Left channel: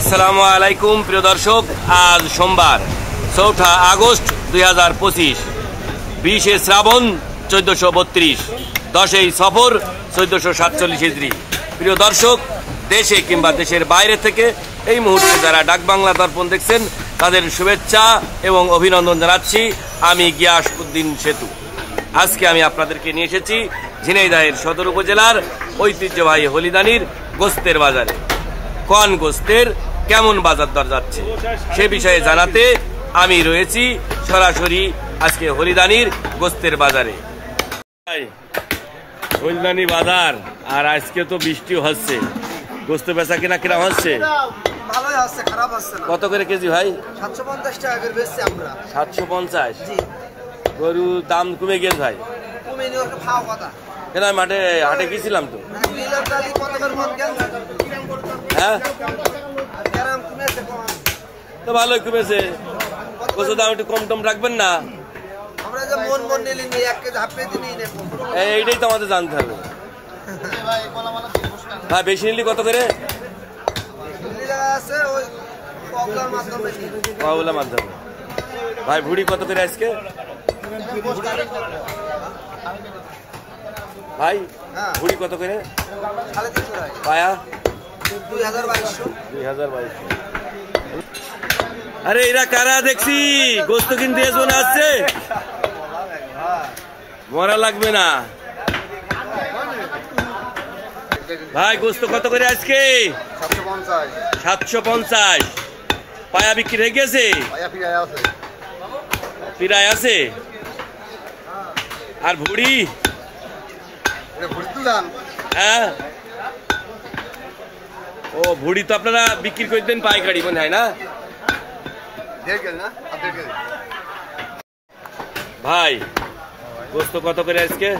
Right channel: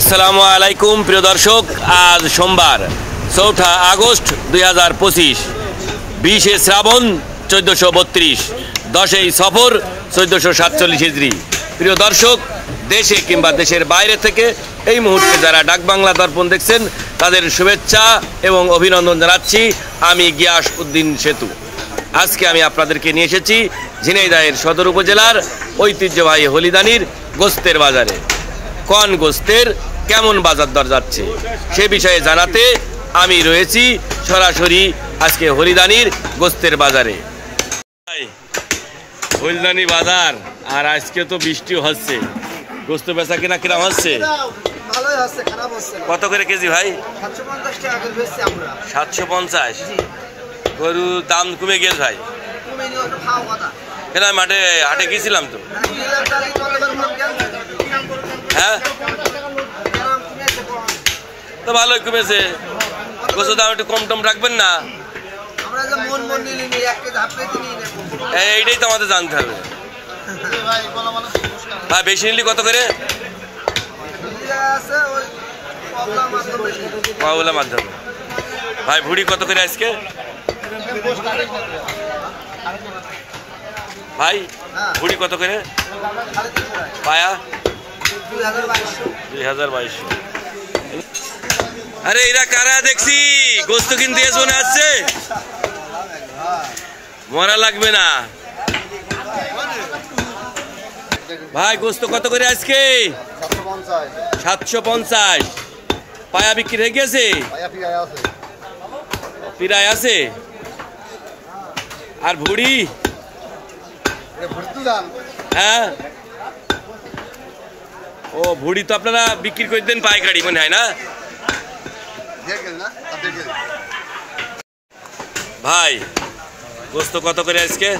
আসসালামু আলাইকুম প্রিয় দর্শক, আজ সোমবার 4 আগস্ট 2025, 20 শ্রাবণ 1432, 10 সফর 1447 হিজরি। প্রিয় দর্শক, দেশে কিংবা দেশের বাইরে থেকে এই মুহূর্তে যারা ডাক বাংলা দর্পণ দেখছেন তাদের শুভেচ্ছা এবং অভিনন্দন জানাচ্ছি। আমি গিয়াস উদ্দিন সেতু। আজকে আমি আপনাদেরকে নিয়ে এসেছি ঝিনাইদহের সদর উপজেলার ঐতিহ্যবাহী হলিদানির গোস্তের বাজারে। কোন গোস্তের কেমন বাজার দর যাচ্ছে সে বিষয়ে জানাতে আমি রয়েছি সরাসরি আজকে হলিদানির গোস্তের বাজারে। হলিদানি বাজার, আর আজকে তো বৃষ্টি হচ্ছে, গোস্ত বেচা কিনা কিরম হচ্ছে? ভালোই হচ্ছে, খারাপ হচ্ছে না। কত করে কেজি ভাই? 750 টাকা করে বেচছি আমরা। 750? গরুর দাম কমে গেছে ভাই? কমে নিও, খাও কথা। কেন মাঠে হাটে গেছিলাম তো। হ্যাঁ তো ভালোই কমেছে। গোস্তের দাম একটু কম টম রাখবেন না? এইটাই তো আমাদের জানতে হবে ভাই। বেশি নিলি কত করে? পাওলা মাধ্যমে। ভাই ভুড়ি কত করে আজকে ভাই? ভুড়ি কত করে? পায়া 2200। আরে এরা কারা দেখছি গোস্ত কিনতে মনে আসছে? মরা লাগবে না ভাই। গোস্ত কত করে আজকে? 750। পায়া বিক্রি হয়ে গেছে? পিরায় আছে। আর ভুড়ি? হ্যাঁ, ও ভুড়ি তো আপনারা বিক্রি করে দেন পাইকারি মনে হয় না ভাই? গোস্ত কত করে আজকে?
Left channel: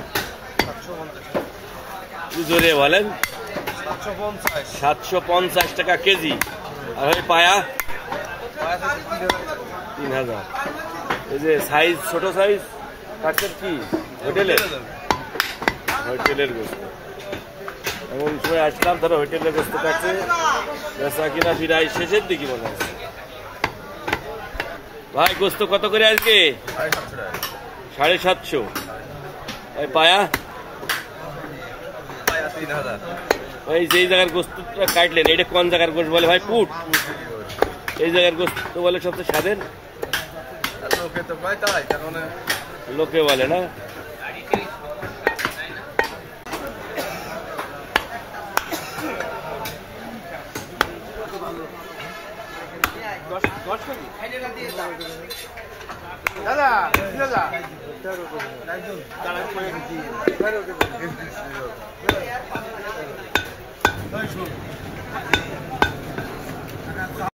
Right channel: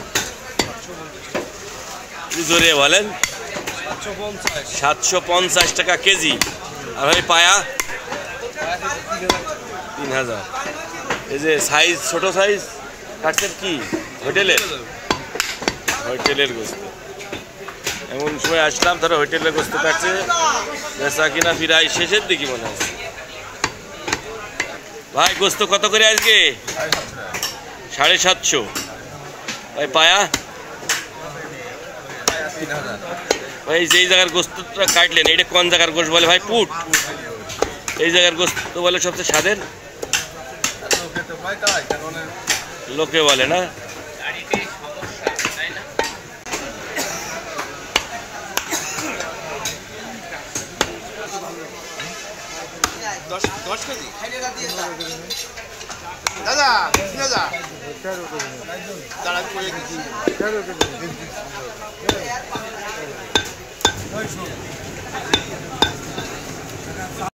জোরে বলেন। 750 টাকা কেজি। আর ভাই পায়া? 3000। এই যে সাইজ, ছোট সাইজ কাটছেন কি হোটেলের? হোটেলের গোস্ত। এমন সময় আসলাম, ধরো হোটেলের গোস্ত কাটছে, বেচা কিনা প্রায় শেষের দিকে মনে হচ্ছে। ভাই গোস্ত কত করে আজকে? 750। ভাই পায়া? ভাই যেই জায়গার গোস্তটা কাটলেন এটা কোন জায়গার গোস্ত বলে ভাই? পুট। এই জায়গার গোস্ত বলে সবচেয়ে স্বাদের? লোকে বলে না? দাদা